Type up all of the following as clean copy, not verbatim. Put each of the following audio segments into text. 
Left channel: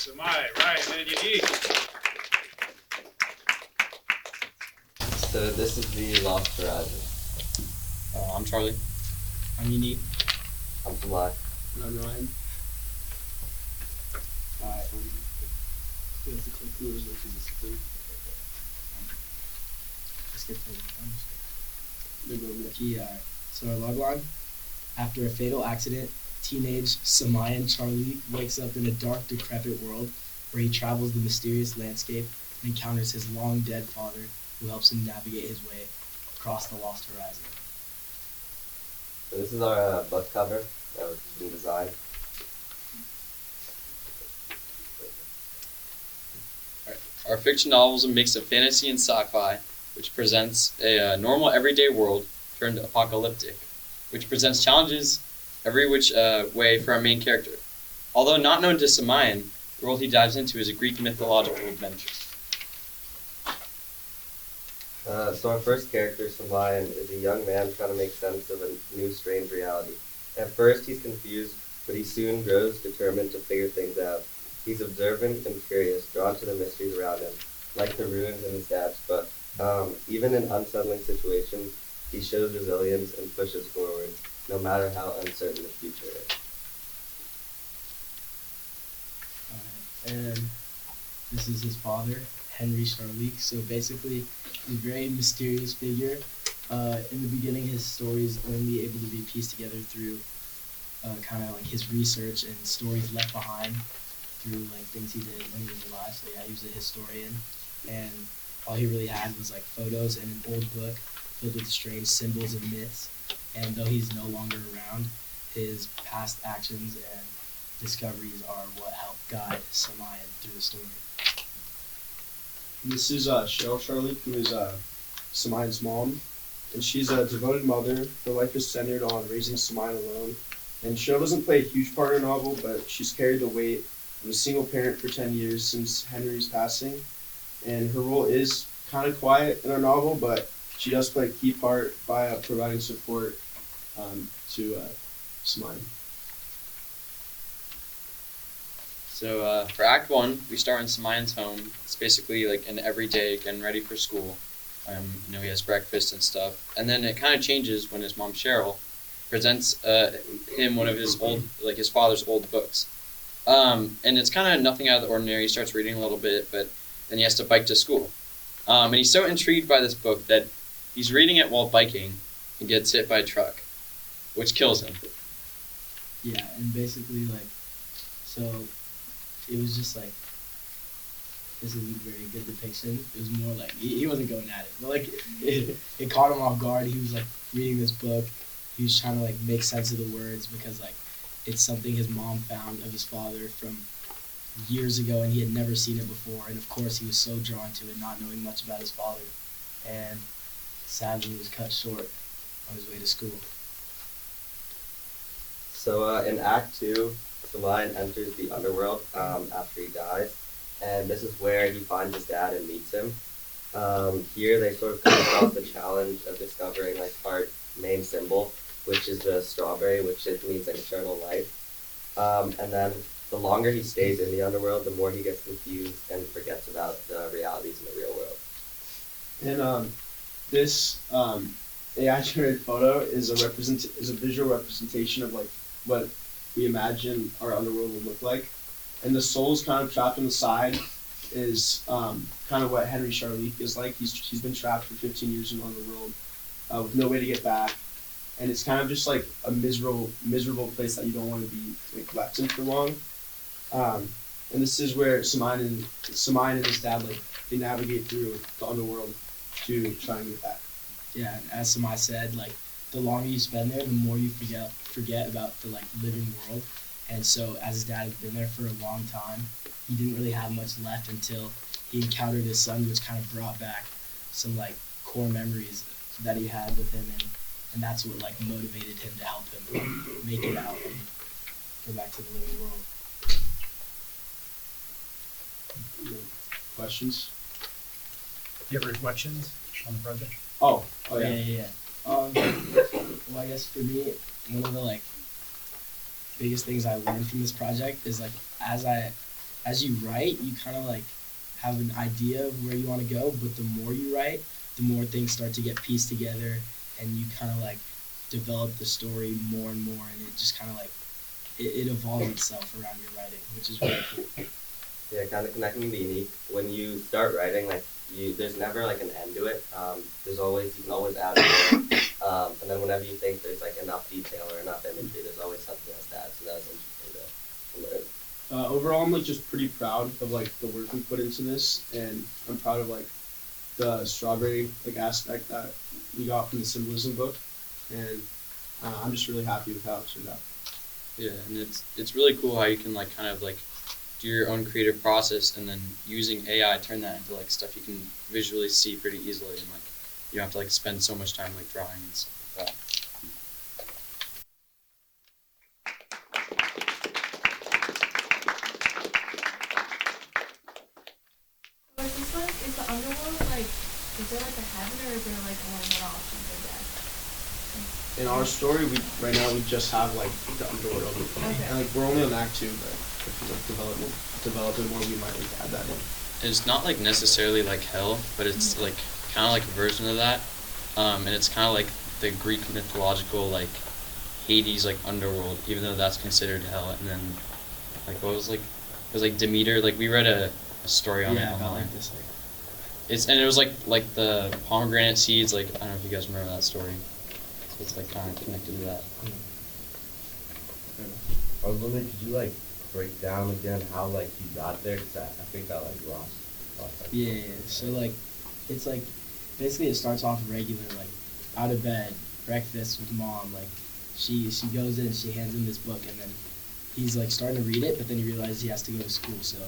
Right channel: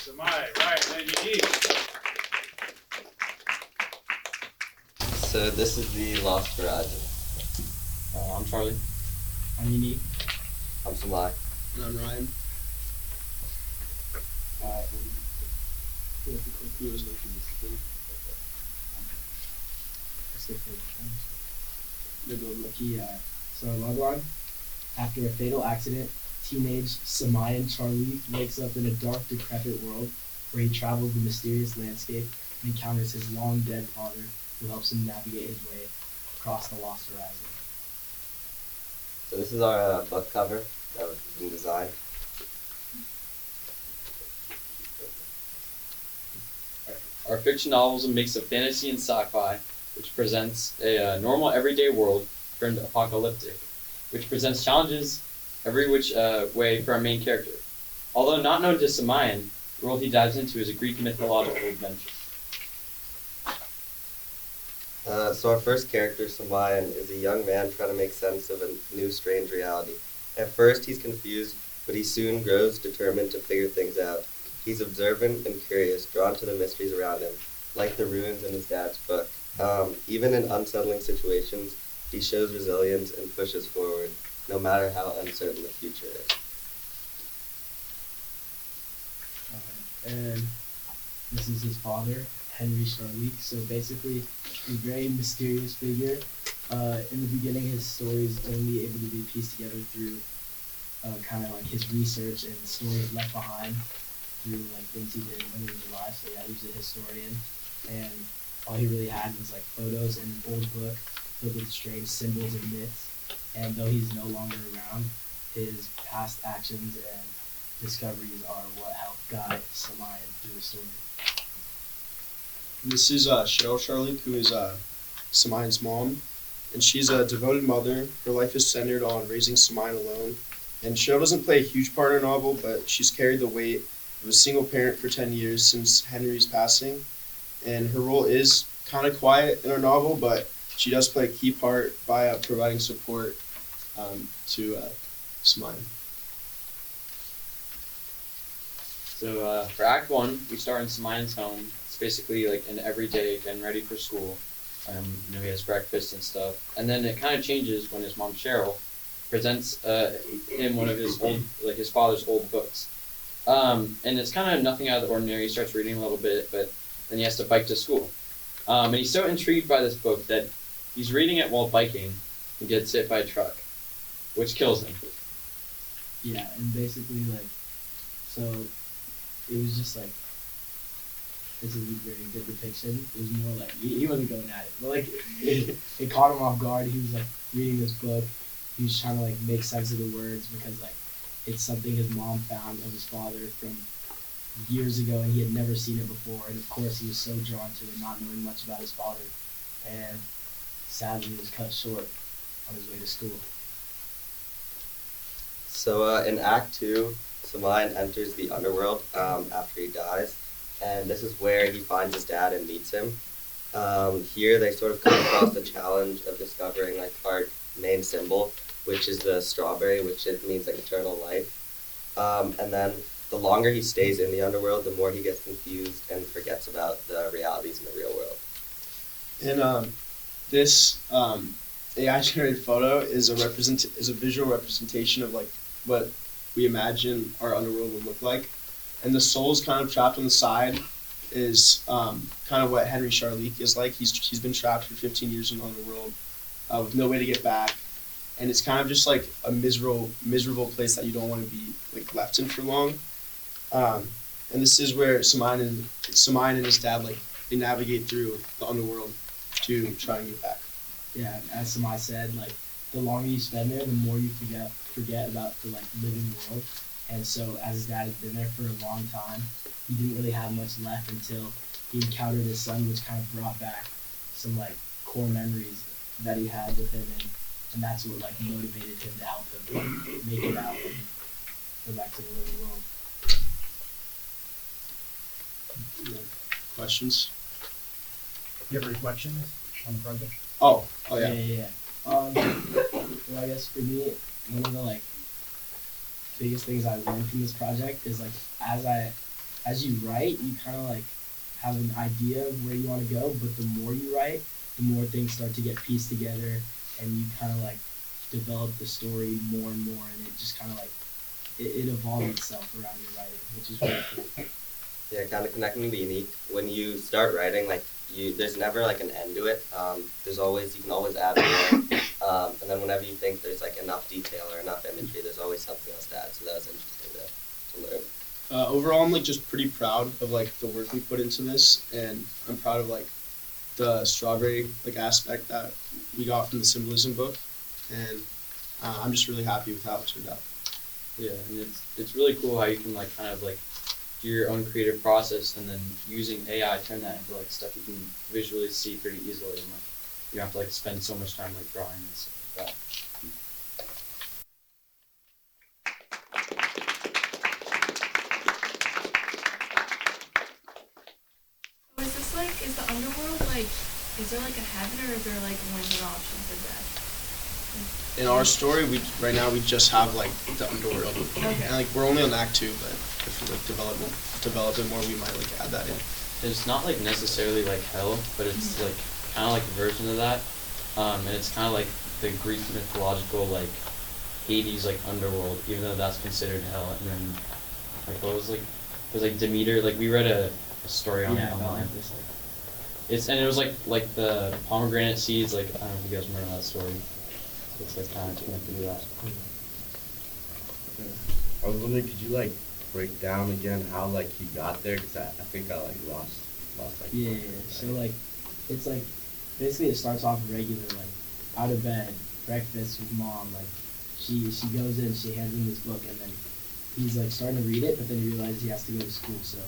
Samay, Ryan, and YannickS. So this is the Lost Horizon. I'm Charlie. I'm YannickS. I'm Samay. And I'm Ryan. So our log line: after a fatal accident, teenage Samay and Charlie wakes up in a dark, decrepit world where he travels the mysterious landscape and encounters his long-dead father, who helps him navigate his way across the Lost Horizon. So this is our book cover that was being designed. Our fiction novel is a mix of fantasy and sci-fi, which presents a normal everyday world turned apocalyptic, which presents challenges every which way for our main character. Although not known to Samayan, the world he dives into is a Greek mythological adventure. So our first character, Samayan, is a young man trying to make sense of a new strange reality. At first he's confused, but he soon grows determined to figure things out. He's observant and curious, drawn to the mysteries around him, like the ruins in his dad's book. Even in unsettling situations, he shows resilience and pushes forward, no matter how uncertain the future is. And this is his father, Henry Charlie. So basically, he's a very mysterious figure. In the beginning, his story is only able to be pieced together through kind of like his research and stories left behind through like things he did when he was alive. So yeah, he was a historian, and all he really had was like photos and an old book filled with strange symbols and myths. And though he's no longer around, his past actions and discoveries are what helped guide Samayan through the story. This is Cheryl Charlie, who is Samayan's mom, and she's a devoted mother. Her life is centered on raising Samayan alone, and Cheryl doesn't play a huge part in her novel, but she's carried the weight of a single parent for 10 years since Henry's passing, and her role is kind of quiet in her novel, but she does play a key part by providing support to Samayan. So for Act 1, we start in Samayan's home. It's basically like an everyday getting ready for school. He has breakfast and stuff. And then it kind of changes when his mom, Cheryl, presents him one of his father's old books. And it's kind of nothing out of the ordinary. He starts reading a little bit, but then he has to bike to school. And he's so intrigued by this book that he's reading it while biking and gets hit by a truck, which kills him. Yeah, and basically so it was just like, this is a very good depiction. It was more like, he wasn't going at it, but like, it caught him off guard. He was like reading this book. He was trying to like make sense of the words because like, it's something his mom found of his father from years ago, and he had never seen it before. And of course, he was so drawn to it, not knowing much about his father. And sadly, he was cut short on his way to school. So in Act 2, Samayan enters the underworld after he dies, and this is where he finds his dad and meets him. Here they sort of come across the challenge of discovering like our main symbol, which is the strawberry, which it means like eternal life. And then the longer he stays in the underworld, the more he gets confused and forgets about the realities in the real world. And this AI-generated photo is a visual representation of like what we imagine our underworld would look like, and the soul's kind of trapped on the side is kind of what Henry Charlie is like. He's been trapped for 15 years in the underworld with no way to get back, and it's kind of just like a miserable place that you don't want to be like left in for long. And this is where Samayan and his dad they navigate through the underworld to try and get back. Yeah, as Samay said, like the longer you spend there, the more you forget about the like living world. And so as his dad had been there for a long time, he didn't really have much left until he encountered his son, which kind of brought back some like core memories that he had with him, and that's what like motivated him to help him make it out and go back to the living world. Questions? Do you have reflections on the project? Oh yeah. Yeah. Well, I guess for me, one of the like biggest things I learned from this project is like as I as you write, you kind of like have an idea of where you want to go, but the more you write, the more things start to get pieced together, and you kind of like develop the story more and more, and it just kind of like it evolves itself around your writing, which is really cool. Yeah, kind of connecting the unique. When you start writing, like there's never like an end to it. You can always add more. And then whenever you think there's like enough detail or enough imagery, there's always something else to add. So that was interesting to learn. Overall, I'm like just pretty proud of like the work we put into this, and I'm proud of like the strawberry like aspect that we got from the symbolism book, and I'm just really happy with how it turned out. Yeah, and it's really cool how you can like kind of like do your own creative process, and then using AI turn that into like stuff you can visually see pretty easily, and like you don't have to like spend so much time like drawing and stuff like that. So is this like, is the underworld like, is there like a heaven or is there like only one option for death? In our story, right now we just have like the underworld, and Okay. like we're only on Act 2, but if we like develop it more, we might like add that in. It's not like necessarily like hell, but it's like kind of like a version of that, and it's kind of like the Greek mythological like Hades like underworld, even though that's considered hell. And then like what was like it was like Demeter. Like we read a story on it Yeah, about online. like this. Like, It was like the pomegranate seeds. Like I don't know if you guys remember that story. So it's like kind of connected to that. I was wondering, could you like break down again how like you got there? Cause I think I like lost like. yeah. So like, it's like basically it starts off regular, like out of bed, breakfast with mom. Like she goes in, she hands him this book, and then he's like starting to read it, but then he realizes he has to go to school. So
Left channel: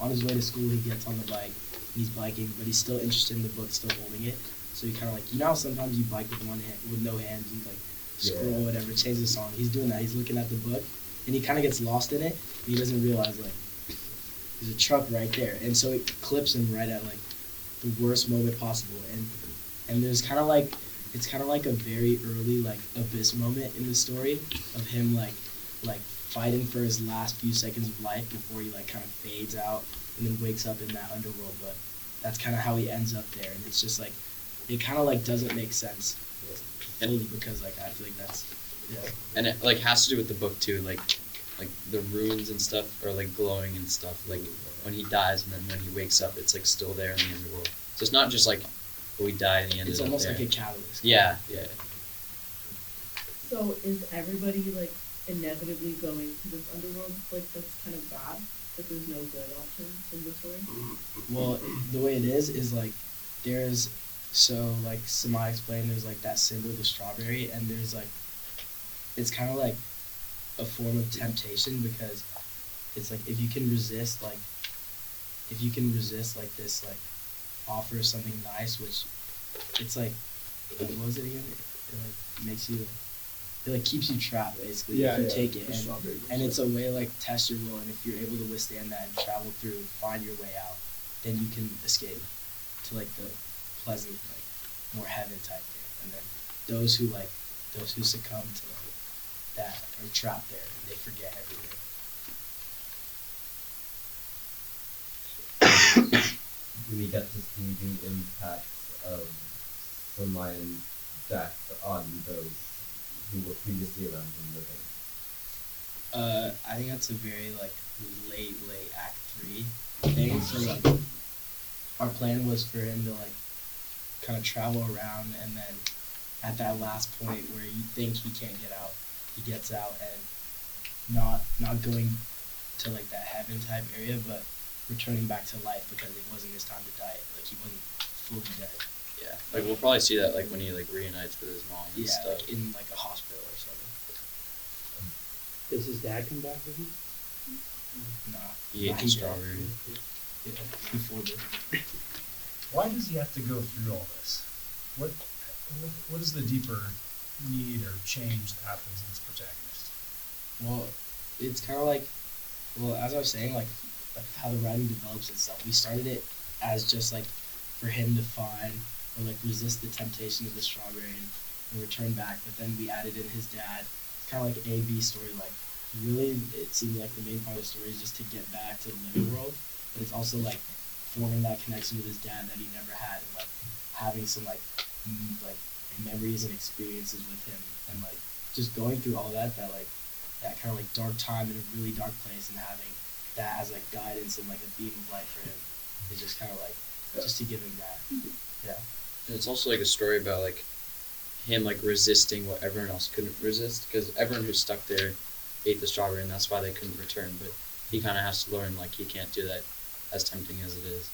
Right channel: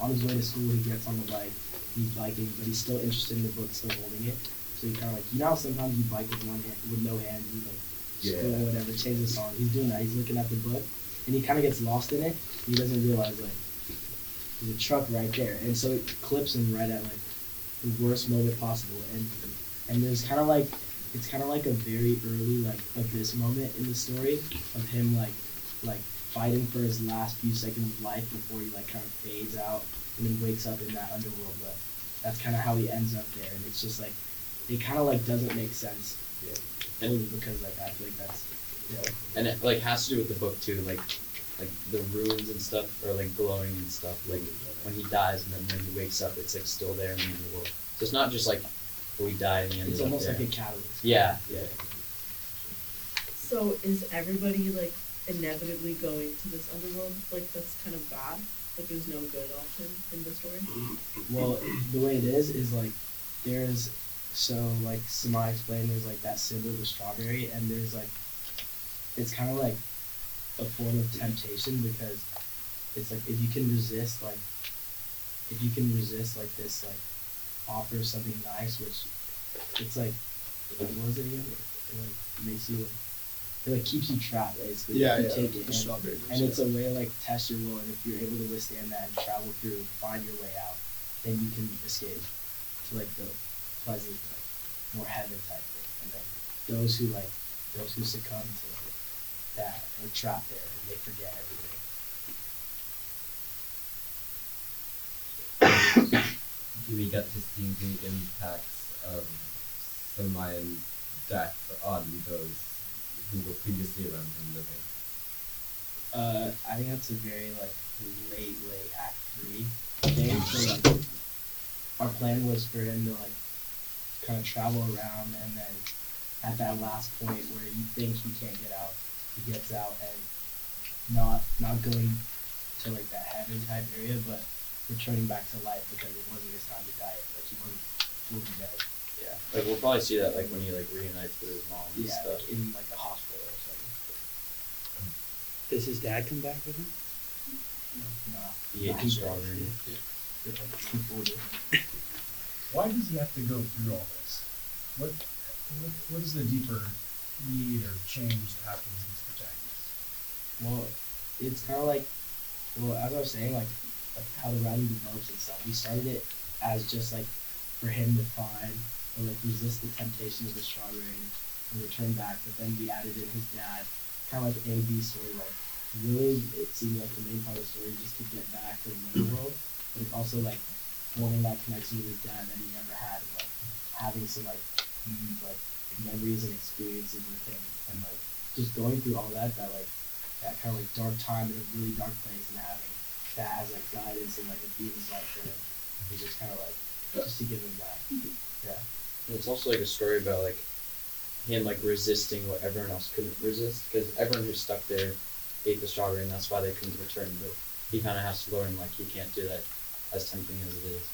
on his way to school, he gets on the bike, he's biking, but he's still interested in the book, still holding it. So he kind of like, you know how sometimes you bike with one hand, with no hands, you like scroll or whatever, change the song. He's doing that. He's looking at the book, and he kind of gets lost in it. And he doesn't realize like there's a truck right there, and so it clips him right at like the worst moment possible. And there's kind of like it's kind of like a very early like abyss moment in the story of him like fighting for his last few seconds of life before he like kind of fades out and then wakes up in that underworld. But that's kind of how he ends up there, and it's just like it kind of like doesn't make sense fully because like I feel like that's And it like has to do with the book too, like the runes and stuff are like glowing and stuff. Like when he dies and then when he wakes up, it's like still there in the underworld. So it's not just like we die and the end. it's of almost there. like a catalyst. Yeah. So is everybody like inevitably going to this underworld? Like that's kind of bad. Like there's no good option in the story. Well, the way it is like there's so like Samai explained, there's like that symbol, the strawberry, and there's like it's kind of like a form of temptation because it's like if you can resist like this like offer of something nice, which it's like what was it again? It like makes you it like keeps you trapped basically if you take it, the strawberry. and it's a way to like test your will, and if you're able to withstand that and travel through, find your way out, then you can escape to like the pleasant, like, more heaven type thing. And then those who succumb to that are trapped there and they forget everything. Do we get to see the impacts of Samayan's death on those who were previously around him living? I think that's a very like late Act 3 thing. So like our plan was for him to like kind of travel around, and then at that last point where he thinks he can't get out, he gets out, and not going to like that heaven type area, but returning back to life because it wasn't his time to die. Like he wasn't fully dead. Yeah. Like we'll probably see that like when he like reunites with his mom and Yeah, stuff. like, in like the hospital or something. Does his dad come back with him? No. He ate the strawberry. He fooled it. Why does he have to go through all this? What is the deeper need or change that happens in this protagonist? Well, it's kind of like, as I was saying, like how the writing develops itself. We started it as just like for him to find or like resist the temptations of the strawberry and return back. But then we added in his dad, kind of like A B storyline. really it seemed like the main part of the story is just to get back to the living world, but it's also like forming that connection with his dad that he never had, and like having some like memories and experiences with him, and like just going through all that that kind of like dark time in a really dark place, and having that as like guidance and like a beam of light for him is just kind of like just to give him that. Yeah. And it's also like a story about like him like resisting what everyone else couldn't resist, because everyone who's stuck there ate the strawberry and that's why they couldn't return, but he kind of has to learn like he can't do that as tempting as it is.